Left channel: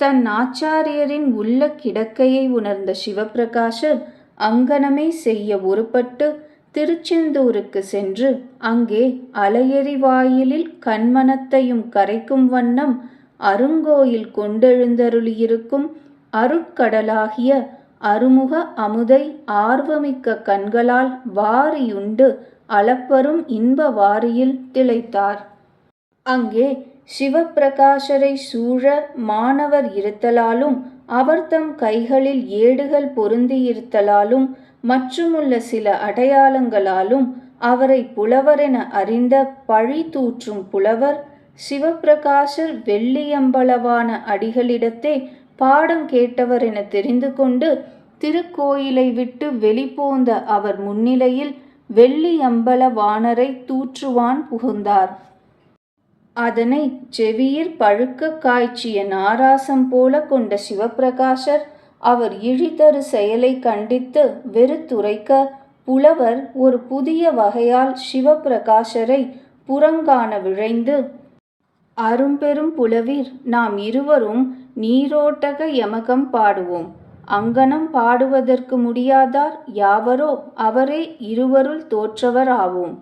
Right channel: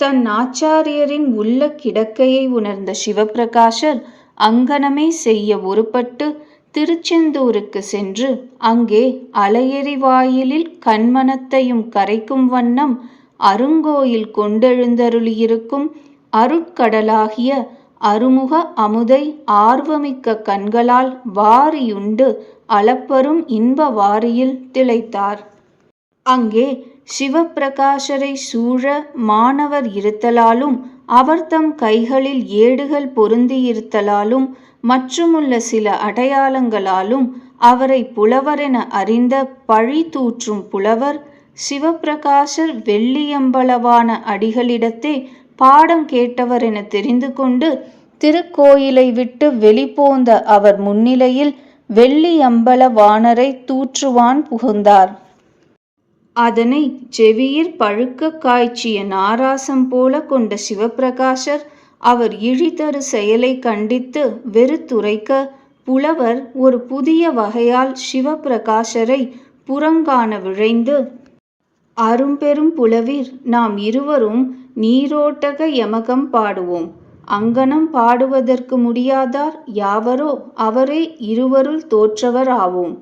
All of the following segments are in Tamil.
தன் ஆச்சாரியரின் உள்ள கிடக்கையை உணர்ந்த சிவப்பிரகாசர் அங்கனமே செய்ய ஒருப்பட்டு திருச்செந்தூருக்கு சென்று அங்கே அலையெறி வாயிலில் கண்மனத்தையும் கரைக்கும் வண்ணம் அருங்கோயில் கொண்டெழுந்தருளியிருக்கும் அருட்கடலாகிய அருமுக அமுதை ஆர்வமிக்க கண்களால் வாரியுண்டு அளப்பரும் இன்ப வாரியில் திளைத்தார். அங்கே சிவப்பிரகாசரை சூழ மாணவர் இருத்தலாலும் அவர்தம் கைகளில் ஏடுகள் பொருந்தியிருத்தலாலும் மற்றுமுள்ள சில அடையாளங்களாலும் அவரை புலவரென அறிந்த பழி தூற்றும் புலவர் சிவப்பிரகாசர் வெள்ளியம்பலவான அடிகளிடத்தே பாடம் கேட்டவர் என தெரிந்து கொண்டு திருக்கோயிலை விட்டு வெளிப்போந்த அவர் முன்னிலையில் வெள்ளியம்பலவாணரை தூற்றுவான் புகுந்தார். அதனை செவியிற் பழுக்க காய்ச்சிய நாராசம் போல கொண்ட சிவப்பிரகாசர் அவர் இழிதரு செயலை கண்டித்து வெறுத்துரைக்க புலவர் ஒரு புதிய வகையால் சிவப்பிரகாசரை புறங்காண விழைந்து, அரும்பெரும் புலவீர், நாம் இருவரும் நீரோட்டக யமகம் பாடுவோம். அங்கனம் பாடுவதற்கு முடியாதார் யாவரோ அவரே இருவருள் தோற்றவர் ஆவோம்.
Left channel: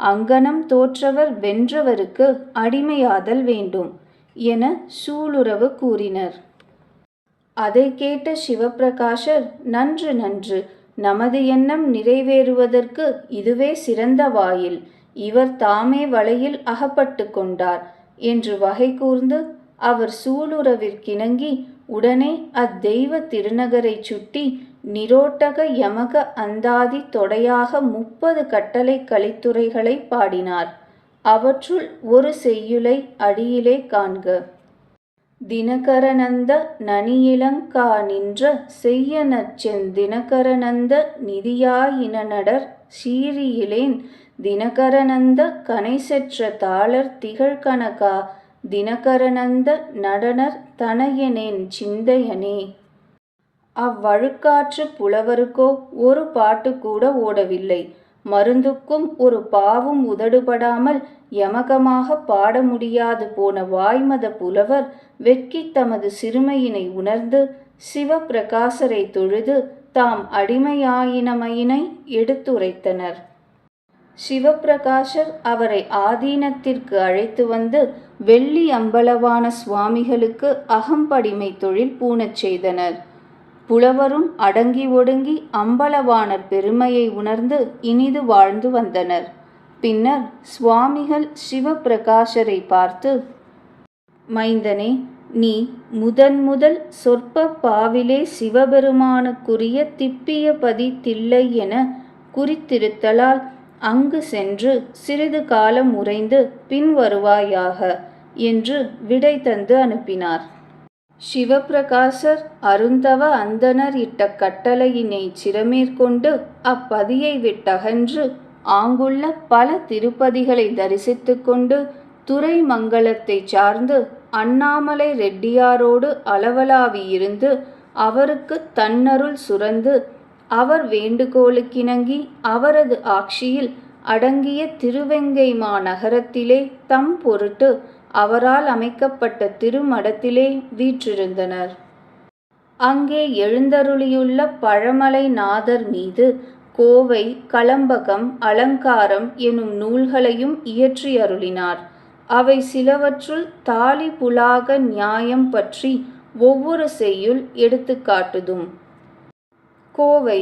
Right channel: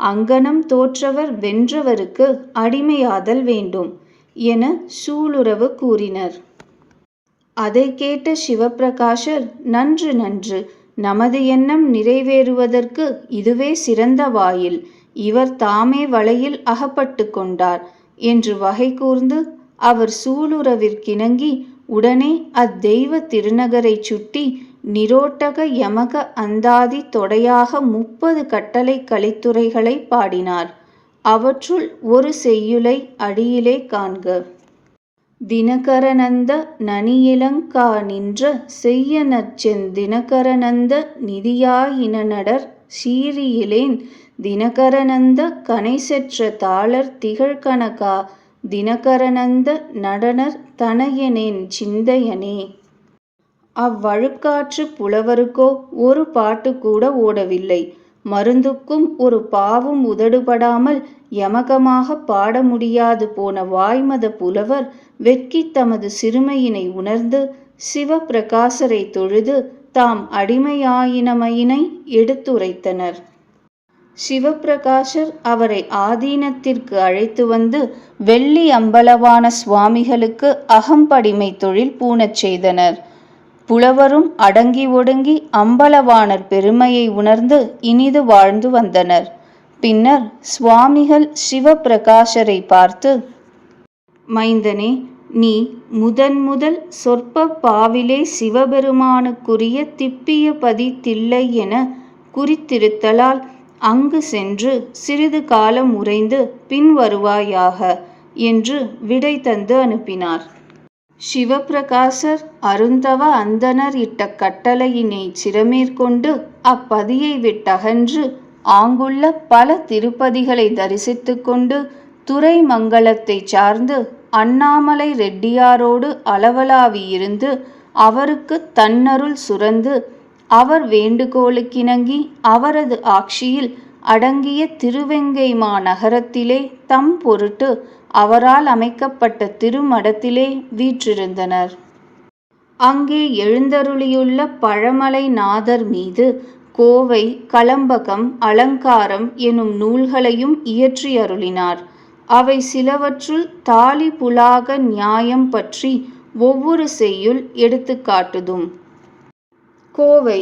அங்கனம் தோற்றவர் வென்றவருக்கு அடிமையாதல் வேண்டும் என சூளுறவு கூறினர். அதை கேட்ட சிவப்பிரகாசர், நன்று நன்று, நமது எண்ணம் நிறைவேறுவதற்கு இதுவே சிறந்த வாயில். இவர் தாமே வலையில் அகப்பட்டு கொண்டார் என்று வகை கூர்ந்து அவர் சூளுறவிற்கிணங்கி உடனே அத்தெய்வ திருநகரை சுட்டி நிரோட்டக யமக அந்தாதி தொடையாக 30 கட்டளை கலித்துறைகளை பாடினார். அவற்றுள் ஒரு செய்யுளை அடியிலே காண்க. தினகரநந்த நனியிலங்கா நின்ற செய்யனச்செந் தினகரநந்த நிதியாயினடர் சீரியிலேன் தினகரநந்த கனைசெற்ற தாளர் திகழ்கனகா தினகரநந்த நடனர் தனையனேன் சிந்தையனே. அவ்வழுக்காற்று புலவருக்கோ ஒரு பாட்டு கூட ஓடவில்லை. மருந்துக்கும் ஒரு பாவும் உதடுபடாமல் யமகமாக பாட முடியாது போன வாய்மத புலவர் வெட்கி தமது சிறுமையினை உணர்ந்து சிவப்பிரகாசரை தொழுது தாம் அடிமையாயினமையினை எடுத்துரைத்தனர். சிவப்பிரகாசர் அவரை ஆதீனத்திற்கு அழைத்து வந்து வெள்ளி அம்பலவான சுவாமிகளுக்கு அகம்படிமை தொழில் பூணச் செய்தனர். புலவரும் அடங்கி ஒடுங்கி அம்பலவாணர் பெருமையை உணர்ந்து இனிது வாழ்ந்து வந்தனர். பின்னர் சுவாமிகள் சிவப்பிரகாசரை பார்த்து, மைந்தனே, நீ முதல் சொற்ப பாவிலே சிவபெருமானுக்குரிய திப்பிய பதி தில்லை என குறித்திருத்தலால் அங்கு சென்று சிறிது காலம் உறைந்து பின் வருவாயாக என்று விடை தந்து அனுப்பினார். சிவப்பிரகாசர் அருந்தவ அந்தணர் இட்ட கட்டளையினை சிரமேற்கொண்டு அப்பதியை விட்டகன்று ஆங்குள்ள பல திருப்பதிகளை தரிசித்து கொண்டு துறைமங்கலத்தை சார்ந்து அண்ணாமலை ரெட்டியாரோடு அளவலாவி இருந்து அவருக்கு தன்னருள் சுரந்து அவர் வேண்டுகோளுக்கிணங்கி அவரது ஆட்சியில் அடங்கிய திருவெங்கைமா நகரத்திலே தம் பொருட்டு அவரால் அமைக்கப்பட்ட திருமடத்திலே வீற்றிருந்தனர். அங்கே எழுந்தருளியுள்ள பழமலை நாதர் மீது கோவை, கலம்பகம், அலங்காரம் எனும் நூல்களையும் இயற்றியருளினார். அவை சிலவற்றுள் தாலி புலாக நியாயம் பற்றி ஒவ்வொரு செய்யுள் எடுத்துக்காட்டுதும். கோவை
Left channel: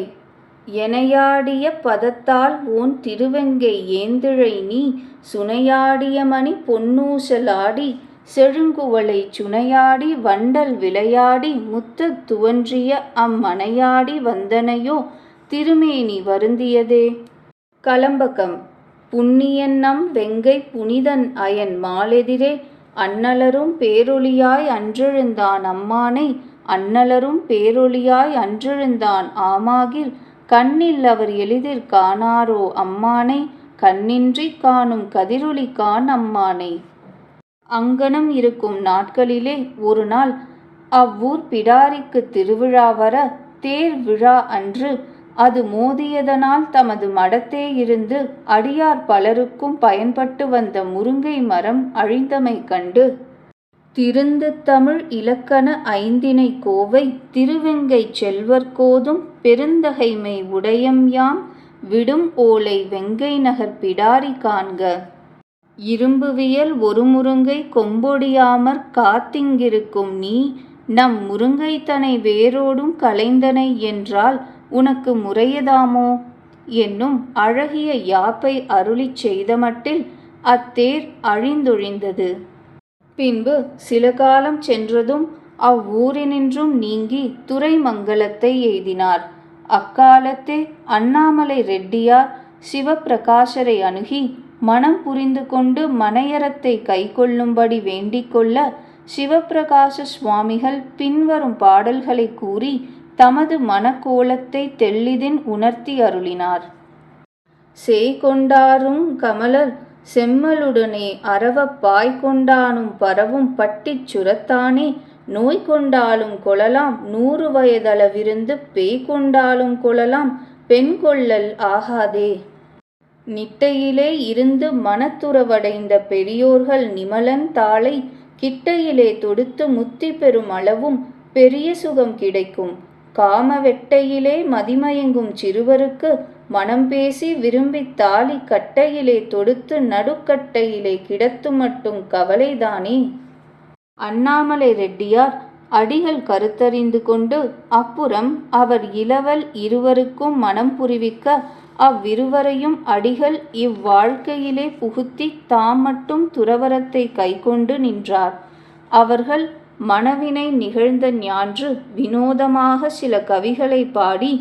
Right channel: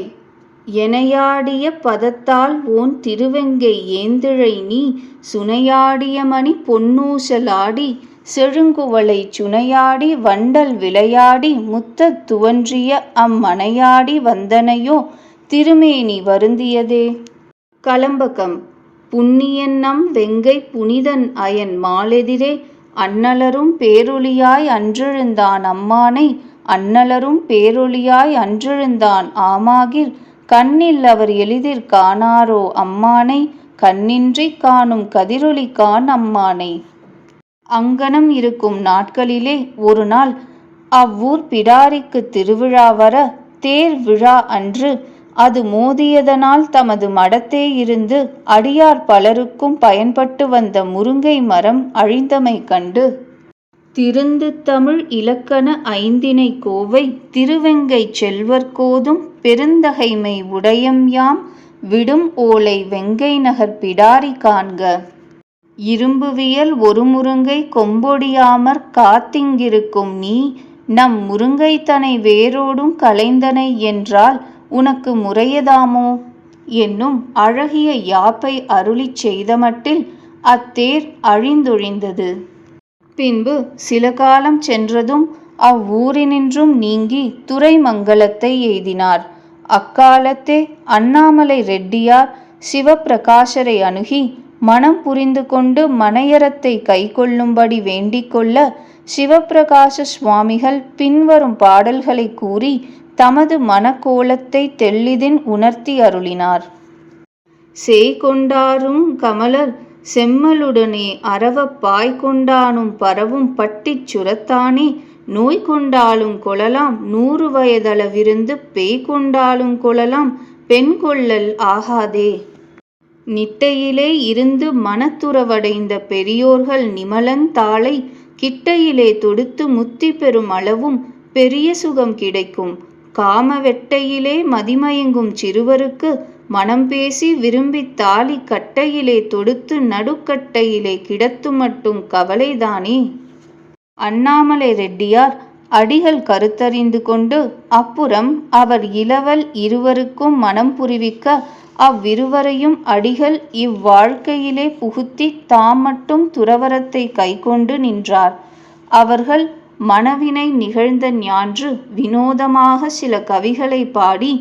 எனையாடிய பதத்தால் ஓன் திருவெங்கை ஏந்திழை நீ சுனையாடிய மணி பொன்னூசலாடி செழுங்குவளை சுனையாடி வண்டல் விளையாடி முத்தத் துவன்றிய அம்மனையாடி வந்தனையோ திருமேனி வருந்தியதே. கலம்பகம் புண்ணியன் நம் வெங்கை புனிதன் அயன் மாலெதிரே அண்ணலரும் பேரொளியாய் அன்றெழுந்தான் அம்மானை அண்ணலரும் பேரொளியாய் அன்றெழுந்தான் ஆமாகிற் கண்ணில் அவர் எளிதிற் காணாரோ அம்மானை கண்ணின்றி காணும் கதிரொளி காண் அம்மானை. அங்கனம் இருக்கும் நாட்களிலே ஒரு நாள் அவ்வூர் பிடாரிக்கு திருவிழா வர தேர் விழா அன்று அது மோதியதனால் தமது மடத்தே இருந்து அடியார் பலருக்கும் பயன்பட்டு வந்த முருங்கை மரம் அழிந்தமை கண்டு திருந்து தமிழ் இலக்கண ஐந்திணை கோவை திருவெங்கைச் செல்வர்கோதும் பெருந்தகைமை உடையம்யாம் விடும் ஓலை வெங்கை நகர் பிடாரி காண்க. இரும்புவியல் ஒரு முருங்கை கொம்பொடியாமற் காத்திங்கிருக்கும் நீ நம் முருங்கைத்தனை வேரோடும் களைந்தனை என்றால் உனக்கு முறையதாமோ என்னும் அழகிய யாப்பை அருளிச் செய்தமட்டில் அத்தேர் அழிந்தொழிந்தது. பின்பு சில காலம் சென்றதும் அவ்வூரினின்றும் நீங்கி துறைமங்கலத்தை எய்தினார். அக்காலத்தே அண்ணாமலை ரெட்டியார் சிவப்பிரகாசரை அணுகி மனம் புரிந்து கொண்டு மனையறத்தை கைக்கொள்ளும்படி வேண்டிக்கொள்ள சிவப்பிரகாச சுவாமிகள் பின்வரும் பாடல்களை கூறி தமது மனக்கோலத்தை தெள்ளிதின் உணர்த்தி அருளினார். சேய்கொண்டாரும் கமலர் செம்மலுடனே அரவப் பாய்கொண்டானும் பரவும் பட்டிச் சுரத்தானே நோய் கொண்டாலும் கொள்ளலாம் 100 வயதளவிருந்து பேய்கொண்டாலும் கொள்ளலாம் பெண் கொள்ளல் ஆகாதே. நிட்டையிலே இருந்து மனத்துறவடைந்த பெரியோர்கள் நிமலன் தாளை கிட்டையிலே தொடுத்து முத்தி பெறும் அளவும் பெரிய சுகம் கிடைக்கும். காம வெட்டையிலே மதிமயங்கும் சிறுவருக்கு மனம் பேசி விரும்பித் தாலி கட்டையிலே தொடுத்து நடுக்கட்டையிலே கிடத்து மட்டும் கவலைதானே. அண்ணாமலை ரெட்டியார் அடிகள் கருத்தறிந்து கொண்டு அப்புறம் அவர் இளவல் இருவருக்கும் மனம் புரிவிக்க அவ்விருவரையும் அடிகள் இவ்வாழ்க்கையிலே புகுத்தி தாம் மட்டும் துறவரத்தை கைக்கொண்டு நின்றார். அவர்கள் மனவினை நிகழ்ந்த ஞான்று வினோதமாக சில கவிகளை பாடி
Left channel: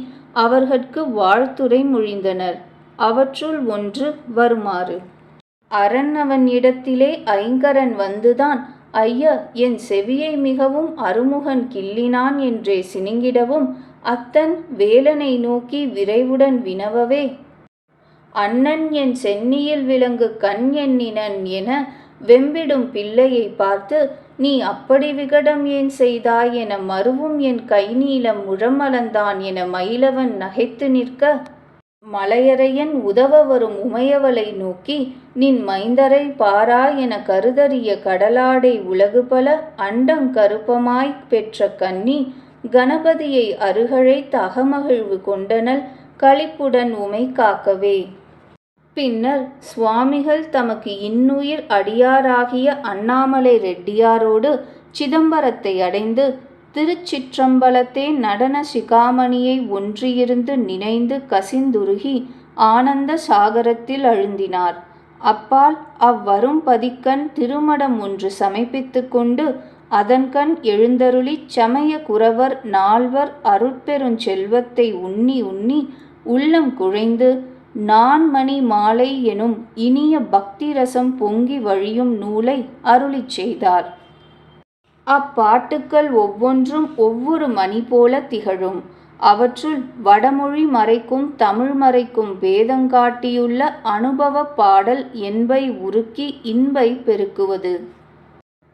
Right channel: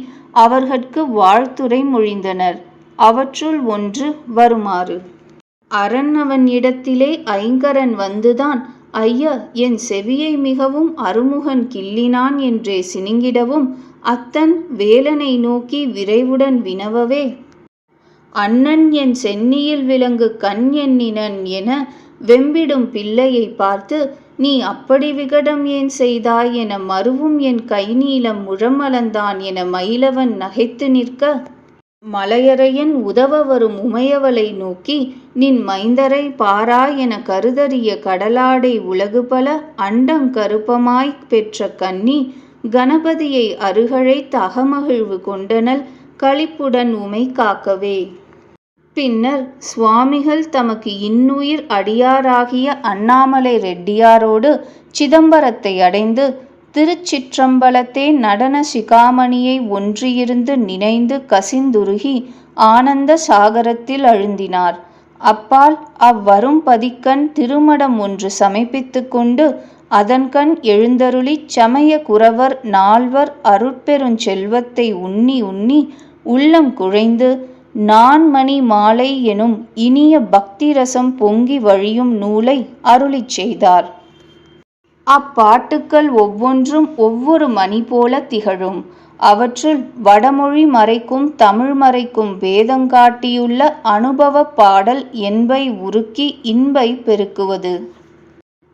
அவர்கட்கு வாழ்த்துரை மொழிந்தனர். அவற்றுள் ஒன்று வருமாறு: அரண் அவன் இடத்திலே ஐங்கரன் வந்துதான் ஐய என் செவியை மிகவும் அருமுகன் கிள்ளினான் என்றே சினுங்கிடவும் அத்தன் வேலனை நோக்கி விரைவுடன் வினவவே அண்ணன் என் சென்னியில் விலங்கு கண் எண்ணினன் என வெம்பிடும் பிள்ளையை பார்த்து நீ அப்படி விகடம் ஏன் செய்தாய் என மருவும் என் கைநீளம் முழமளந்தான் என மயிலவன் நகைத்து நிற்க மலையரையன் உதவ வரும் உமையவளை நோக்கி நின் மைந்தரை பாராய் என கருதறிய கடலாடை உலகுபல அண்டங்கருப்பமாய் பெற்ற கன்னி கணபதியை அருகழைத் அகமகிழ்வு கொண்டனள் களிப்புடன் உமை காக்கவே. பின்னர் சுவாமிகள் தமக்கு இன்னுயிர் அடியாராகிய அண்ணாமலை ரெட்டியாரோடு சிதம்பரத்தை அடைந்து திருச்சிற்றம்பலத்தே நடன சிகாமணியை ஒன்றியிருந்து நினைந்து கசிந்துருகி ஆனந்த சாகரத்தில் அழுந்தினார். அப்பால் அவ்வரும் பதிக்கண் திருமடம் ஒன்று சமர்ப்பித்து கொண்டு அதன்கண் எழுந்தருளிச் சமய குரவர் 4 அருட்பெருஞ்செல்வத்தை உண்ணி உண்ணி உள்ளம் குழைந்து நான்மணி மாலை எனும் இனிய பக்தி ரசம் பொங்கி வழியும் நூலை அருளிச் செய்தார். அப்பாட்டுக்கள் ஒவ்வொன்றும் ஒவ்வொரு மணி போல திகழும். அவற்றுள் வடமொழி மறைக்கும் தமிழ் மறைக்கும் பேதங்காட்டியுள்ள அனுபவ பாடல் என்பை உருக்கி இன்பை பெருக்குவது.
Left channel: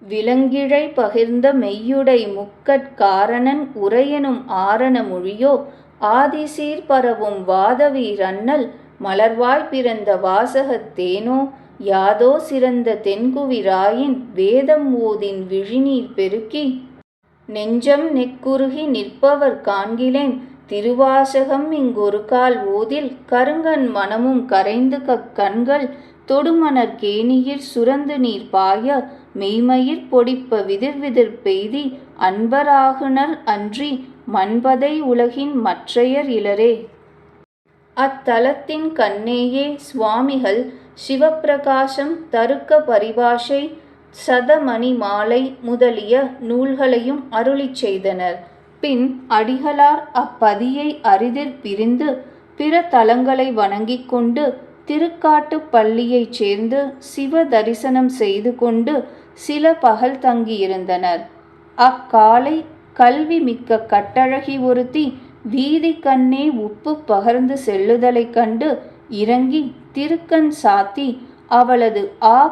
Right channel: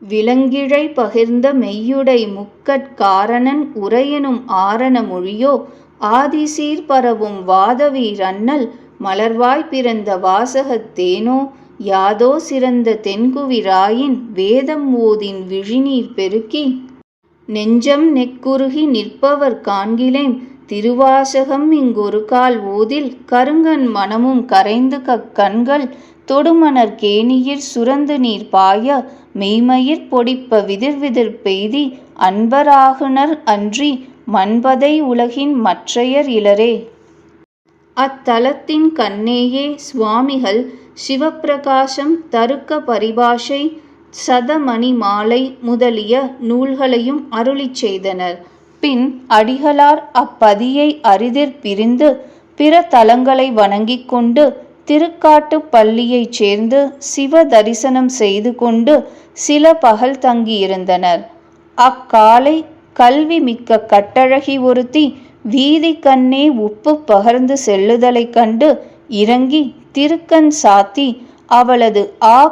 விலங்கிழை பகிர்ந்த மெய்யுடை முக்கட்காரணன் உரையெனும் ஆரண மொழியோ ஆதிசீர் பரவும் வாதவீர் அண்ணல் மலர்வாய் பிறந்த வாசகத் தேனோ யாதோ சிறந்த தென்குவிராயின் வேதம் ஓதின் விழிநீர் பெருக்கி நெஞ்சம் நெக்குருகி நிற்பவர் காண்கிலேன் திருவாசகம் இங்கொரு கால் ஓதில் கருங்கண் மனமும் கரைந்து கண்கள் தொடுமணர் கேணியிற் சுரந்து நீர் பாய மெய்மயிர் பொடிப்ப விதிர்விதிர் பெய்தி அன்பராகுனர் அன்றி மன்பதை உலகின் மற்றையர் இலரே. அத்தலத்தின் கண்ணேயே சுவாமிகள் சிவப்பிரகாசம் தருக்க பரிபாஷை சதமணி மாலை முதலிய நூல்களையும் அருளிச் செய்தனர். பின் அடிகளார் அப்பதியை அரிதிற் பிரிந்து பிற தலங்களை வணங்கிக் கொண்டு திருக்காட்டுப்பள்ளியைச் சேர்ந்து சிவ தரிசனம் செய்து கொண்டு சில பகல் தங்கியிருந்தனர். அக்காலை கல்வி மிக்க கட்டழகி ஒருத்தி வீதி கண்ணே உப்பு பகர்ந்து செல்லுதலைக் கண்டு இறங்கி திருக்கண் சாத்தி அவளது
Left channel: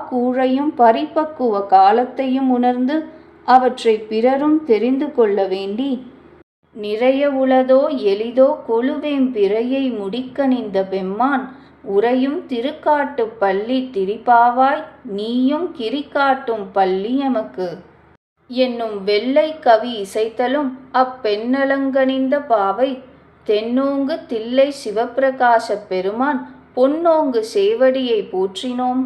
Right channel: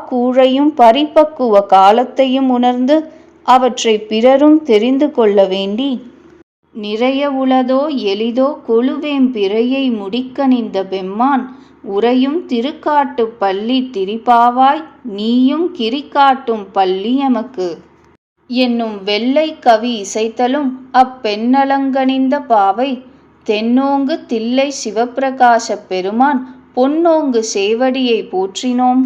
கூழையும் பரிபக்குவ காலத்தையும் உணர்ந்து அவற்றை பிறரும் தெரிந்து கொள்ள வேண்டி நிறைய உளதோ எளிதோ கொழுவேம் பிறையை முடிக்கணிந்த பெம்மான் உறையும் திருக்காட்டுப் பள்ளி திரிபாவாய் நீயும் கிரிக்காட்டும் பள்ளி எமக்கு. என்னும் வெள்ளை கவி இசைத்தலும் அப்பெண்ணலங்கணிந்த பாவை தென்னோங்கு தில்லை சிவப்பிரகாசப் பெருமான் பொன்னோங்கு சேவடியை போற்றினோம்.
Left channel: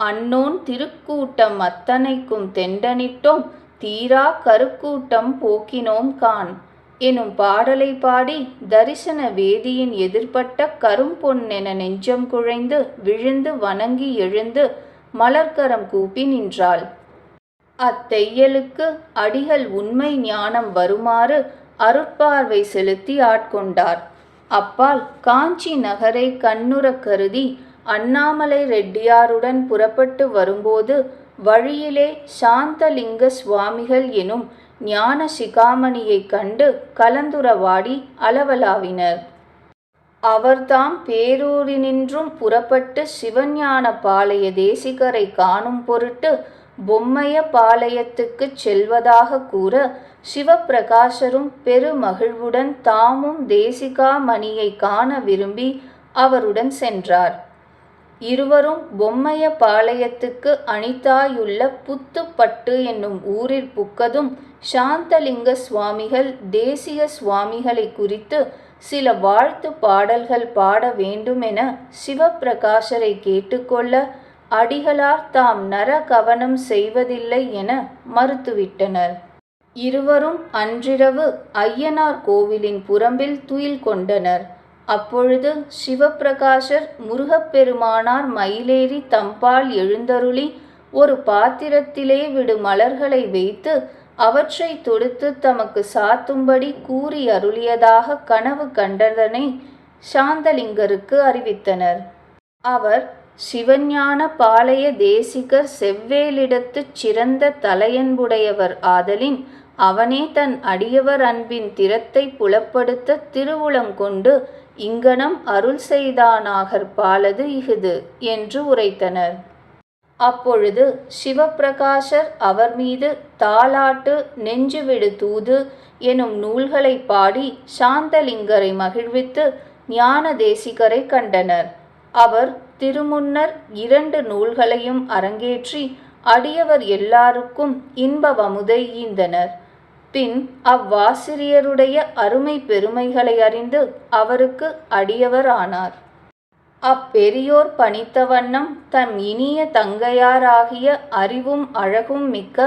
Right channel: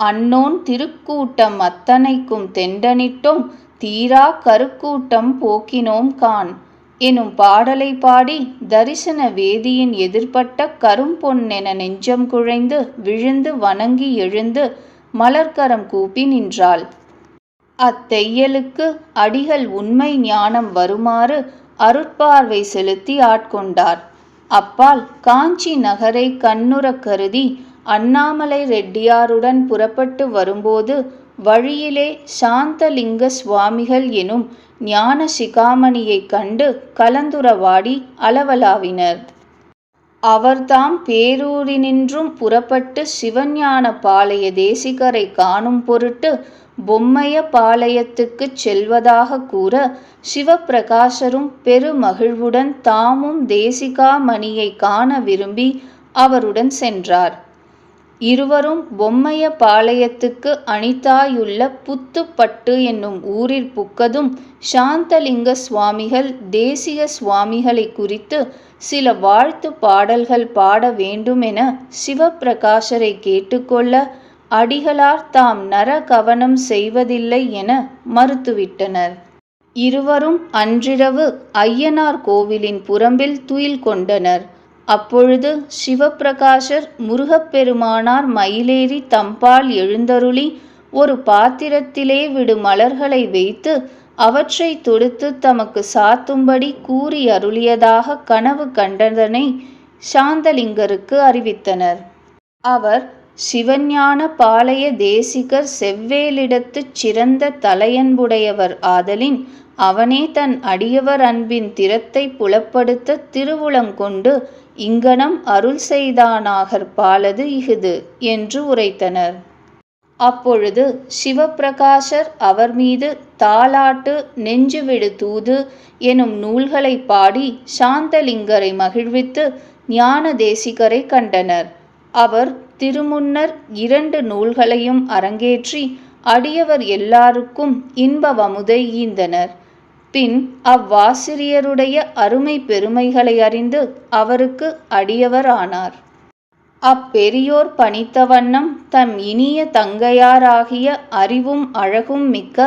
அன்னோன் திருக்கூட்டம் அத்தனைக்கும் தெண்டனிட்டோம் தீரா கருக்கூட்டம் போக்கினோம் கான் எனும் பாடலை பாடி தரிசன வேதியின் எதிர்ப்பட்ட கரும்பொன்னென நெஞ்சம் குழைந்து விழுந்து வணங்கி எழுந்து மலர்க்கரம் கூப்பி நின்றாள். அத்தெய்யலுக்கு அடிகள் உண்மை ஞானம் வருமாறு அருட்பார்வை செலுத்தி ஆட்கொண்டார். அப்பால் காஞ்சி நகரை கண்ணுறக் கருதி அண்ணாமலை ரெட்டியாருடன் புறப்பட்டு வரும்போது வழியிலே சாந்தலிங்க சுவாமிகள் எனும் ஞான சிகாமணியைக் கண்டு கலந்துரவாடி அளவலாவினர். அவர்தாம் பேரூரினின்றும் புறப்பட்டு சிவஞான பாளைய தேசிகரை காணும் பொருட்டு பொம்மைய பாளையத்துக்குச் செல்வதாக கூற சிவப்பிரகாசரும் பெருமகிழ்வுடன் தாமும் தேசிகாமணியை காண விரும்பி அவருடன் சென்றார். இருவரும் பொம்மைய பாளையத்துக்கு அணித்தாயுள்ள புத்துப்பட்டு என்னும் ஊரிற் புக்கதும் சாந்தலிங்க சுவாமிகள் தேசிக சுவாமிகளை குறித்து சில வாழ்த்து பாடல்கள் பாட வேண்டுமென சிவப்பிரகாசரை கேட்டுக்கொள்ள அடிகளார் தாம் நர கவனம் செய்வதில்லை என மறுத்துவிட்டனர். இருவரும் அன்றிரவு ஐயனார் கோவிலின் புறம்பில் துயில் கொண்டனர். அப்பொழுது சிவப்பிரகாசர் முருகப்பெருமானார் மயிலேறி தம்பால் எழுந்தருளி ஒரு பாத்திரத்திலே விடு மலர்களை வைத்து அவற்றை தொடுத்து தமக்கு சாத்தும்படி கூறி அருளியதாக கனவு கண்டதனை சாந்தலிங்கருக்கு அறிவித்தனர். அவர் சிவஞான பாளைய தேசிகர் செவ்வேலிடத்துச் சிறந்த தலையன்புடையவர் ஆதலின் அவனே தன் அடியவர் அன்பின் திறத்தை புலப்படுத்த திருவுளங்கொண்டு இங்கனம் அருள் செய்தானாகற் பாலது இஃது என்று உரைத்தனர். அப்பொழுது சிவப்பிரகாசர் அவர் மீது தாலாட்டு நெஞ்சுவிடு தூது எனும் நூல்களை பாடி சாந்தலிங்கரை மகிழ்வித்து ஞான தேசிகரை கண்டனர். அவர் திருமுன்னர் 2 நூல்களையும் அரங்கேற்றி அடியவர் எல்லாருக்கும் இன்பவமுதை ஈந்தனர். பின் அவ்வாசிரியருடைய அருமை பெருமைகளை அறிந்து அவருக்கு அடியவர் ஆனார். அப்பெரியோர் பணித்த வண்ணம் தம் இனிய தங்கையாராகிய அறிவும் அழகும் மிக்க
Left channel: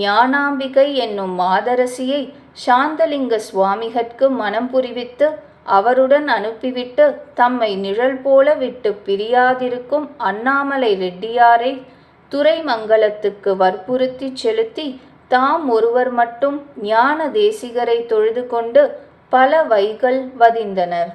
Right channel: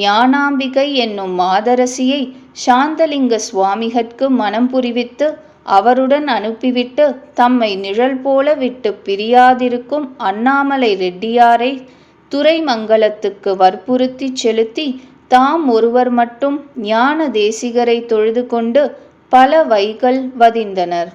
ஞானாம்பிகை என்னும் மாதரசியை சாந்தலிங்க சுவாமிகட்கு மனம் புரிவித்து அவருடன் அனுப்பிவிட்டு தம்மை நிழல் போல விட்டு பிரியாதிருக்கும் அண்ணாமலை ரெட்டியாரை துறைமங்கலத்துக்கு வற்புறுத்திச் செலுத்தி தாம் ஒருவர் மட்டும் ஞான தேசிகரை தொழுது கொண்டு பல வைகள் வதிந்தனர்.